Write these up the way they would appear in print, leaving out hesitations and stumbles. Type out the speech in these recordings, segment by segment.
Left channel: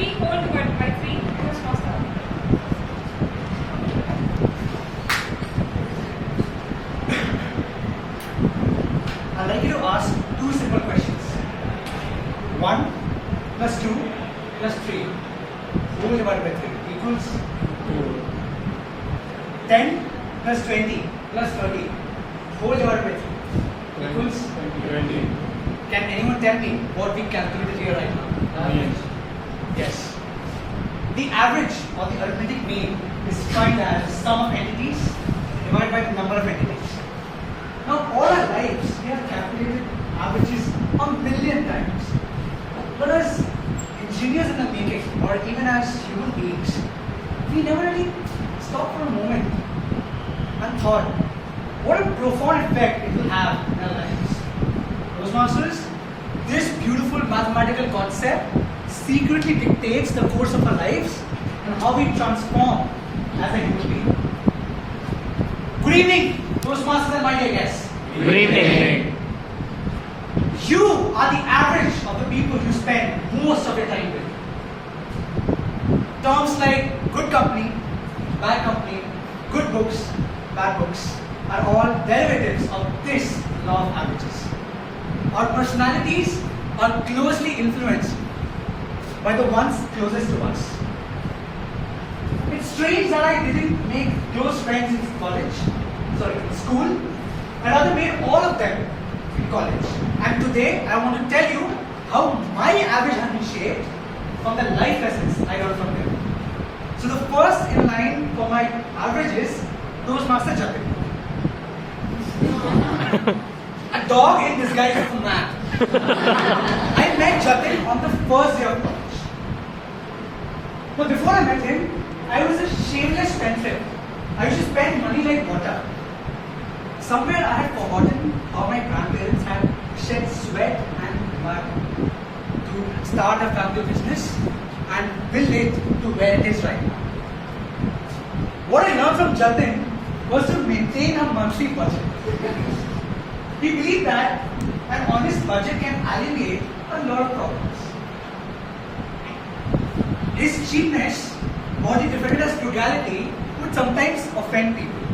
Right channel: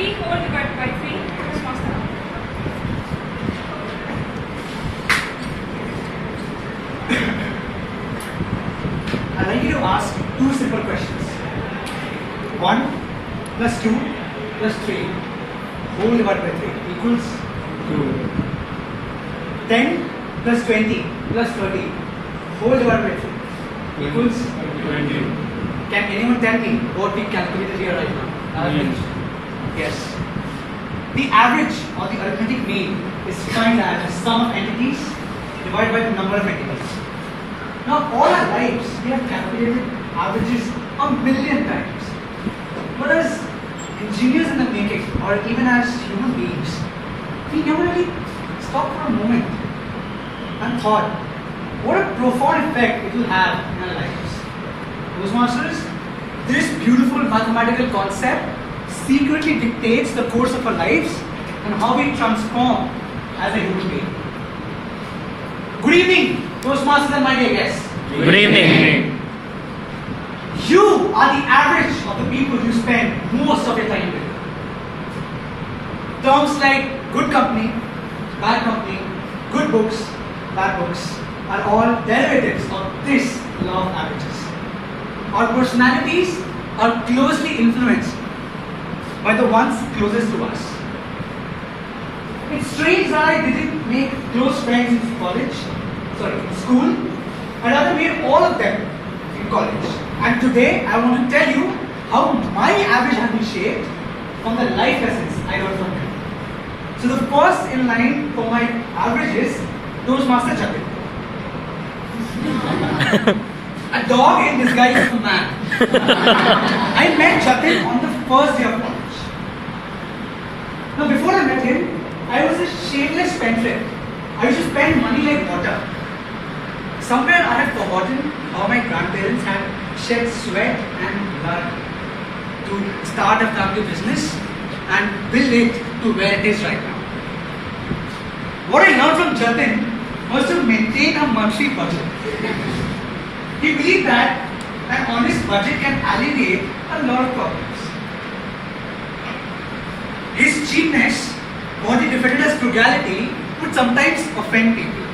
3 whole divided by 3. Who's master? I'd like you to ask two simple questions. 1 plus 2 plus 3 whole divided by 3 equals 10 plus 20 plus 30 whole divided by 3 equals 20. Can anyone tell me what we calculated here right now? Average. Yes. The average or the arithmetic mean is defined as the sum of entities divided by the number of entities. Now, all our lives we have calculated averages a million times. But as engineers in the making, or even as human beings, we never really stopped for a moment and thought, what a profound effect it will have in our lives. Toastmasters, this beautiful mathematical concept secretly dictates the course of our lives and how we transform as a human being. Good evening, Toastmasters and my dear guests. Good evening. You are the average of the people you spend most of your time with. Terms like good company, good books, bad books are all derivatives of this law of averages. Our personalities are closely influenced by the ones closest to us. It's strange that I didn't make close friends in school. I rather made all of them in college. And today I want to tell you how my average has been shaped from the life lessons I learned from them. So the first in line for my average is Toastmaster Jatin. A dog in disguise as a man. I met Jatin on the first day of college. Now before I met him, I was a shameless spendthrift. I used to spend money like water. Somewhere I had forgotten how my grandparents had shed sweat and blood to start a family business and build it to where it is right now. What I learned from Jatin was to maintain a monthly budget. He believed that an honest budget can alleviate a lot of problems. His cheapness, what he defended as frugality, would sometimes offend people.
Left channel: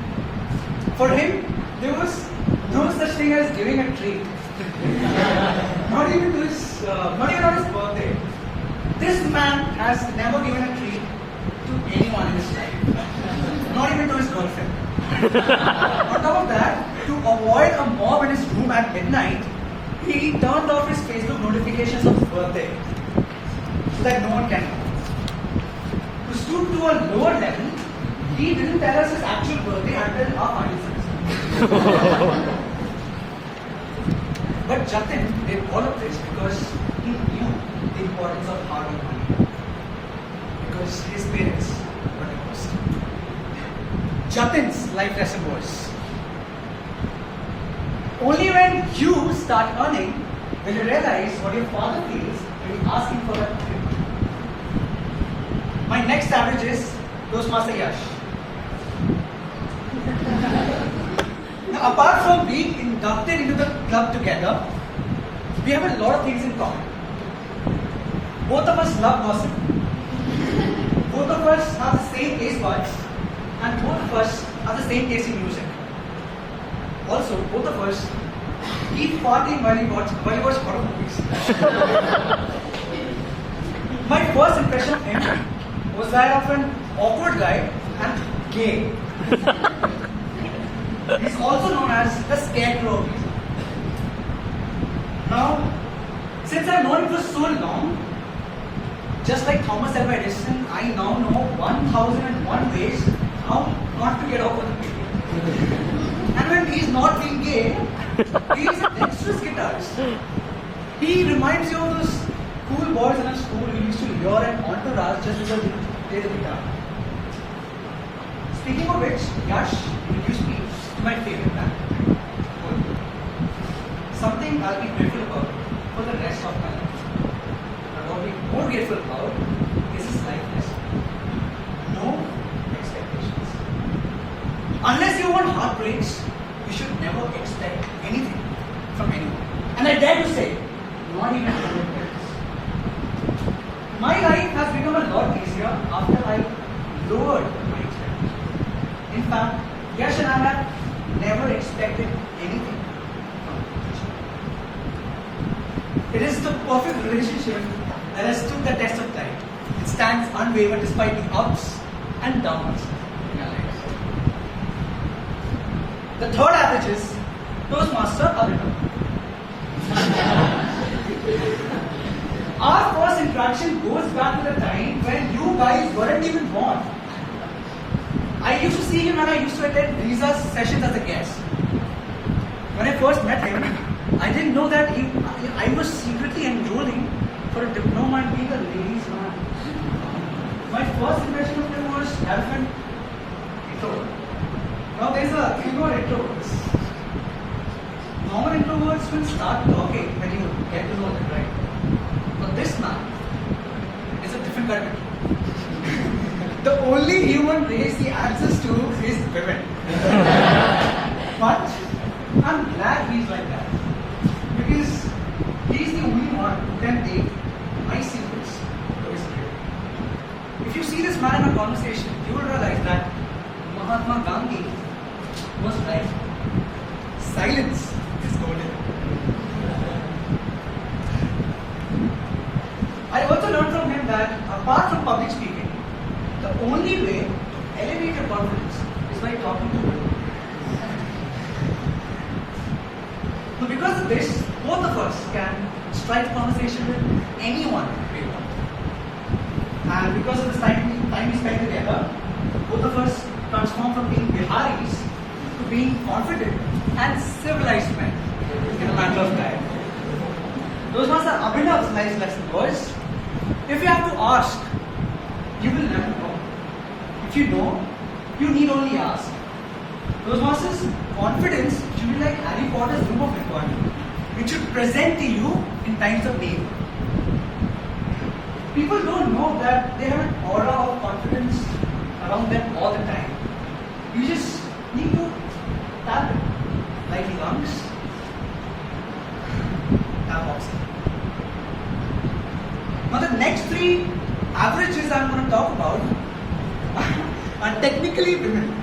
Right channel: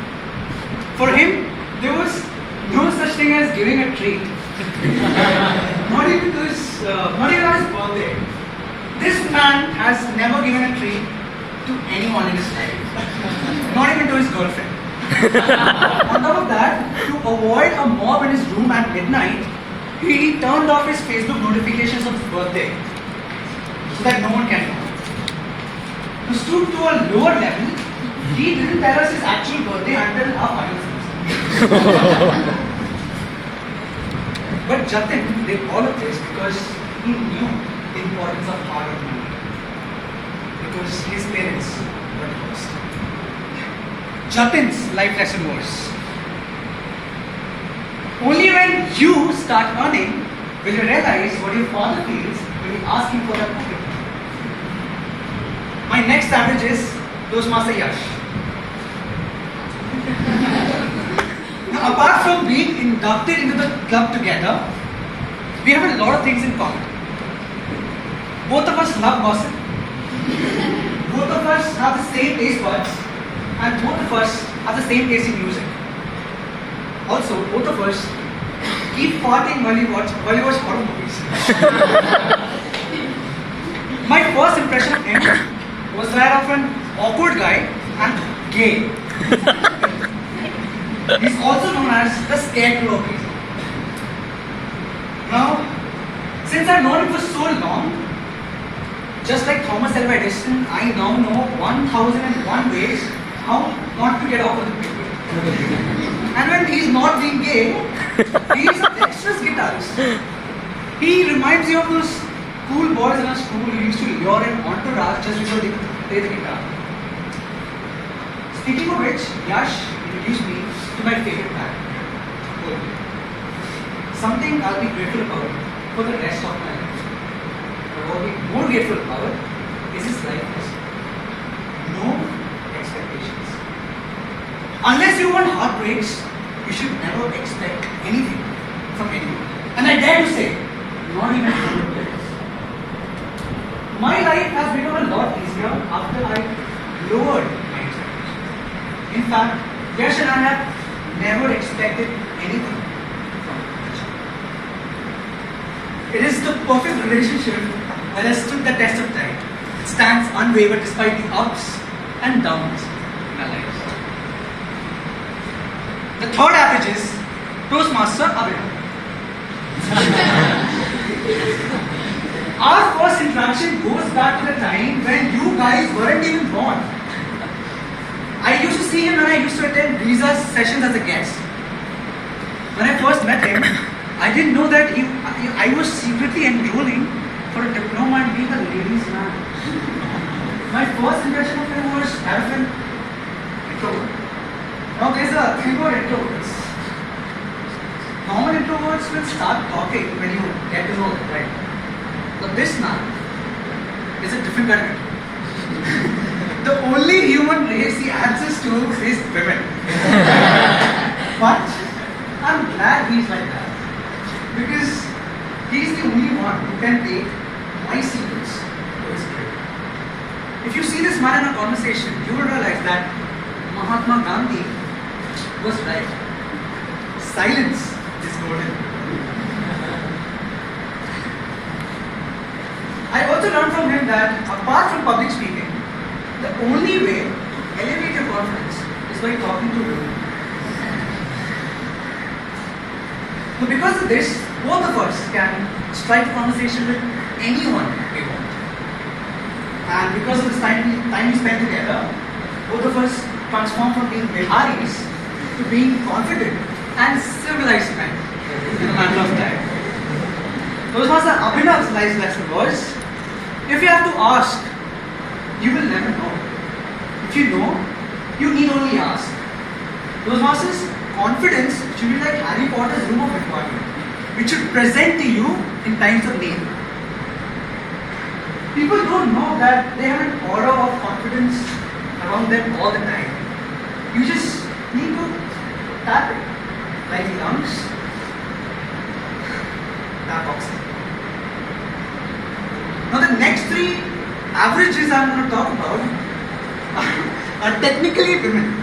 For him, there was no such thing as giving a treat. Not even on his birthday. This man has never given a treat to anyone in his life. Not even to his girlfriend. On top of that, to avoid a mob in his room at midnight, he turned off his Facebook notifications of his birthday so that no one can know. To stoop to a lower level, he didn't tell us his actual birthday until our final semester. But Jatin did all of this because he knew the importance of hard earned money. Because his parents were divorced. Jatin's life lesson was, only when you start earning will you realize what your father feels when he's asking for that money. My next average is Toastmaster Yash. Now, apart from being inducted into the club together, we have a lot of things in common. Both of us love gossip. Both of us have the same taste buds, and both of us have the same taste in music. Also, both of us keep farting while we watch horror movies. My first impression of him was that of an awkward guy and gay. He's also known as the scarecrow of reason. Now, since I've known him for so long, just like Thomas Alva Edison, I now know 1001 ways how not to get awkward with people. And when he's not being gay, he's a dexterous guitarist. He reminds you of those cool boys in our school who used to lure an entourage just before they play the guitar. Speaking of which, Yash introduced me to my favorite band, Coldplay. Something I'll be grateful about for the rest of my life. But what I'll be more grateful about is his life lesson. No expectations. Unless you want heartbreaks, you should never expect anything from anyone. And I dare to say, not even from your parents. My life has become a lot easier after I lowered my expectations. In fact, Yash and I have never expected anything from each other. It is the perfect relationship that has stood the test of time. It stands unwavered despite the ups and downs in our lives. The third average is Toastmaster Abhinav. Our first interaction goes back to the time when you guys weren't even born. I used to see him when I used to attend Riza's sessions as a guest. When I first met him, I didn't know that I was secretly enrolling for a diploma in being a ladies' man. My first impression of him was arrogant, introvert. Now there's a thing called introverts. Normal introverts will start talking when you get to know them, right? But this man is a different kind of introvert. The only human race he answers to is women. But I'm glad he's like that. Because he's the only one who can take my secrets to his grave. If you see this man in a conversation, you will realize that Mahatma Gandhi was right. Silence is golden. I also learned from him that apart from public speaking, the only way to elevate your confidence is by talking to women. So because of this, both of us can strike a conversation with anyone we want. And because of this time we spend together, both of us transform from being Biharis to being confident and civilized men in a matter of time. Toastmaster Abhinav's life lesson was, if you have to ask, you will never know. If you know, you need only ask. Toastmasters, confidence should be like Harry Potter's room of requirement, which should present to you in times of need. People don't know that they have an aura of confidence around them all the time. You just need to tap it, like lungs, tap oxygen. Now the next three averages I'm going to talk about are technically women.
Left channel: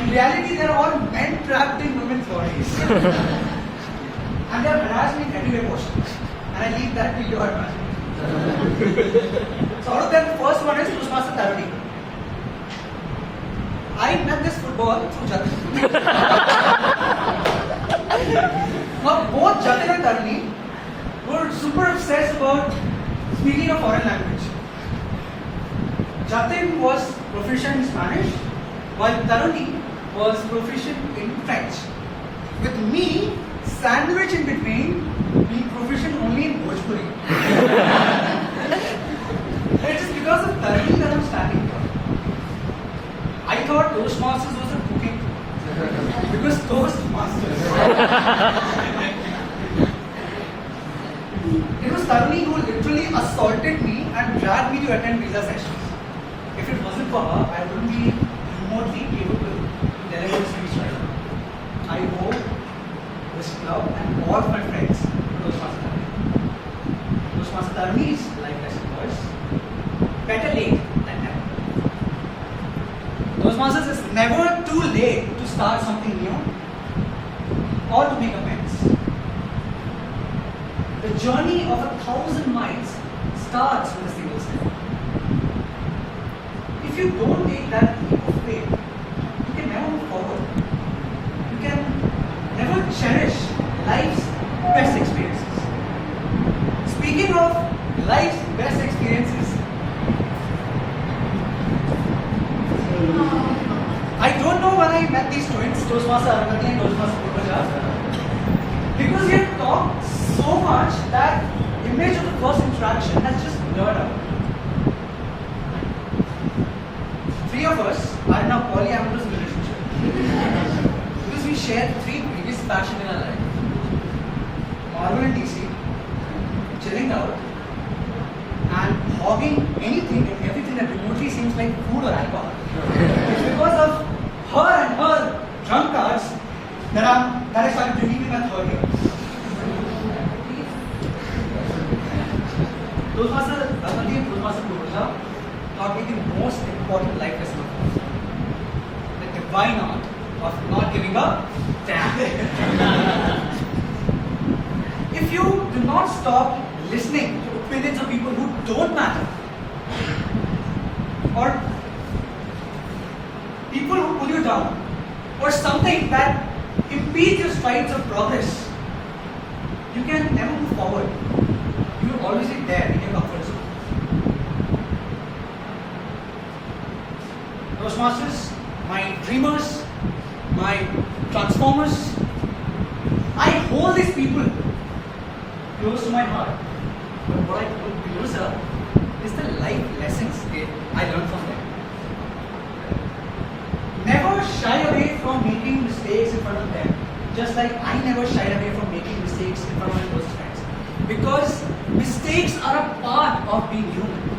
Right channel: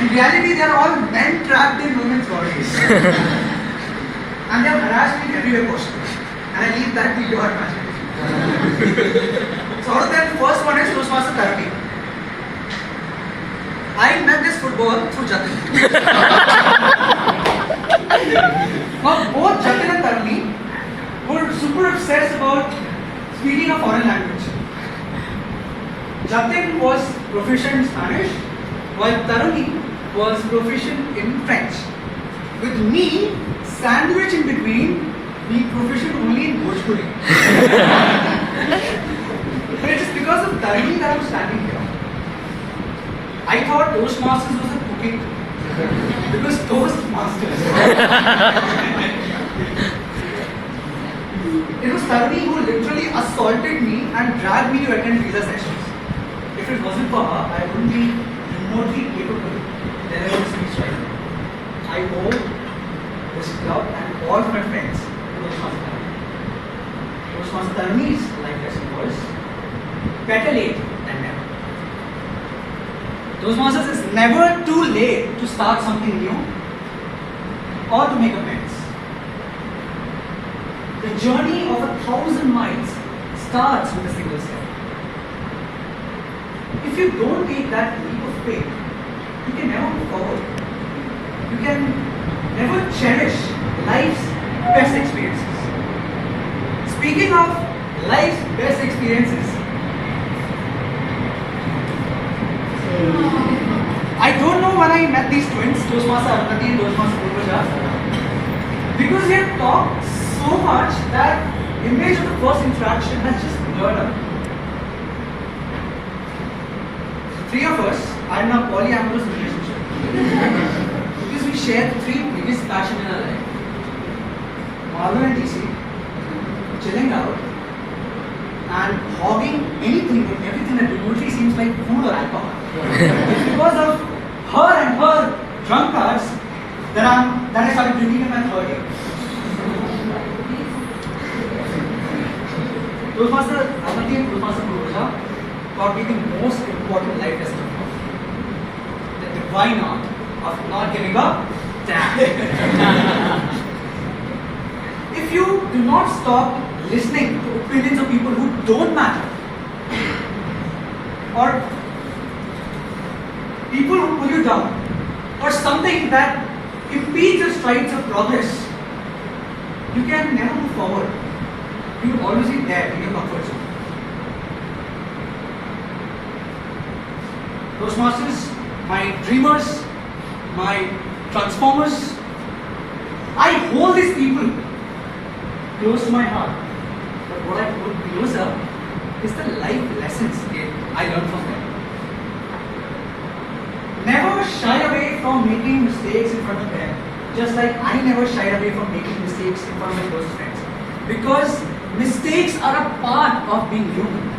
In reality, they are all men trapped in women's bodies. And they have harassed me in every way possible. And I leave that to your imagination. So out of them, the first one is Toastmaster Tarani. I met this football through Jatin. Now both Jatin and Tarani were super obsessed about speaking a foreign language. Jatin was proficient in Spanish, while Tarani was proficient in French. With me, sandwiched in between, being proficient only in Bhojpuri. It is because of Tarani that I'm standing here. I thought Toastmasters was a cooking because Toastmasters. It was Tarani who literally assaulted me and dragged me to attend visa sessions. If it wasn't for her, I wouldn't be remotely capable to deliver this speech right now. I owe this club and all of my friends to Toastmaster Tarani. Toastmaster Tarani's life lesson was better late than never. Toastmasters, it's never too late to start something new or to make amends. The journey of 1,000 miles starts with a single step. If you don't take that leap of faith, you can never move forward. You can never cherish life's best experiences. Speaking of life's best experiences, I don't know when I met these twins, Toastmaster Arunati and Toastmaster Purvaja, because we have talked so much that image of the first interaction has just blurred out. Three of us are in a polyamorous relationship because we share the three biggest passions in our life: Marvel and DC, chilling out, and hogging anything and everything that remotely seems like food or alcohol. It's because of her and her drunk cards that I started drinking in my third year. Toastmaster Ramandeep, Toastmaster Purusha taught me the most important life lesson of all. The divine art of not giving up. If you do not stop listening to opinions of people who don't matter, or people who pull you down, or something that impedes your strides of progress, you can never move forward. You will always be there in your comfort zone. Toastmasters, my dreamers, my transformers, I hold these people close to my heart. But what I hold closer is the life lessons I learned from them. Never shy away from making mistakes in front of them, just like I never shied away from making mistakes in front of my close friends. Because mistakes are a part of being human.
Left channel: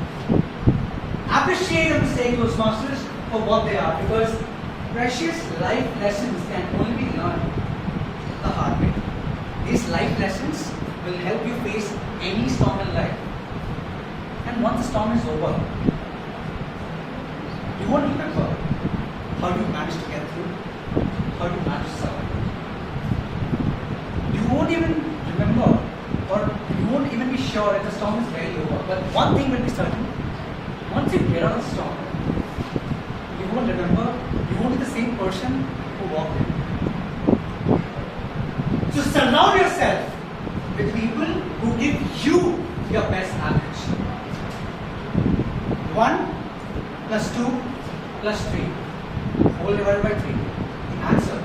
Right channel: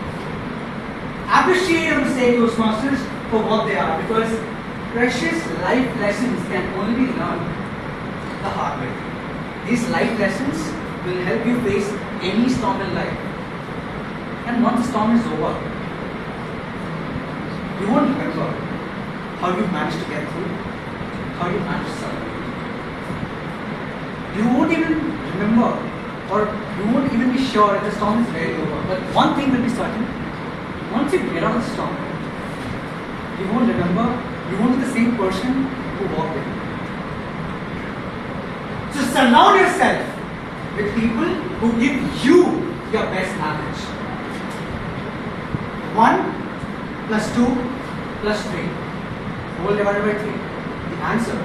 Appreciate your mistakes, Toastmasters, for what they are, because precious life lessons can only be learned the hard way. These life lessons will help you face any storm in life. And once the storm is over, you won't remember how you managed to get through, how you managed to survive. You won't even remember, or you won't even be sure that the storm is very over. But one thing will be certain: once you get out of the storm, you won't remember, you won't be the same person who walked in. So surround yourself with people who give you your best average. 1 plus 2 plus 3 whole divided by 3. The answer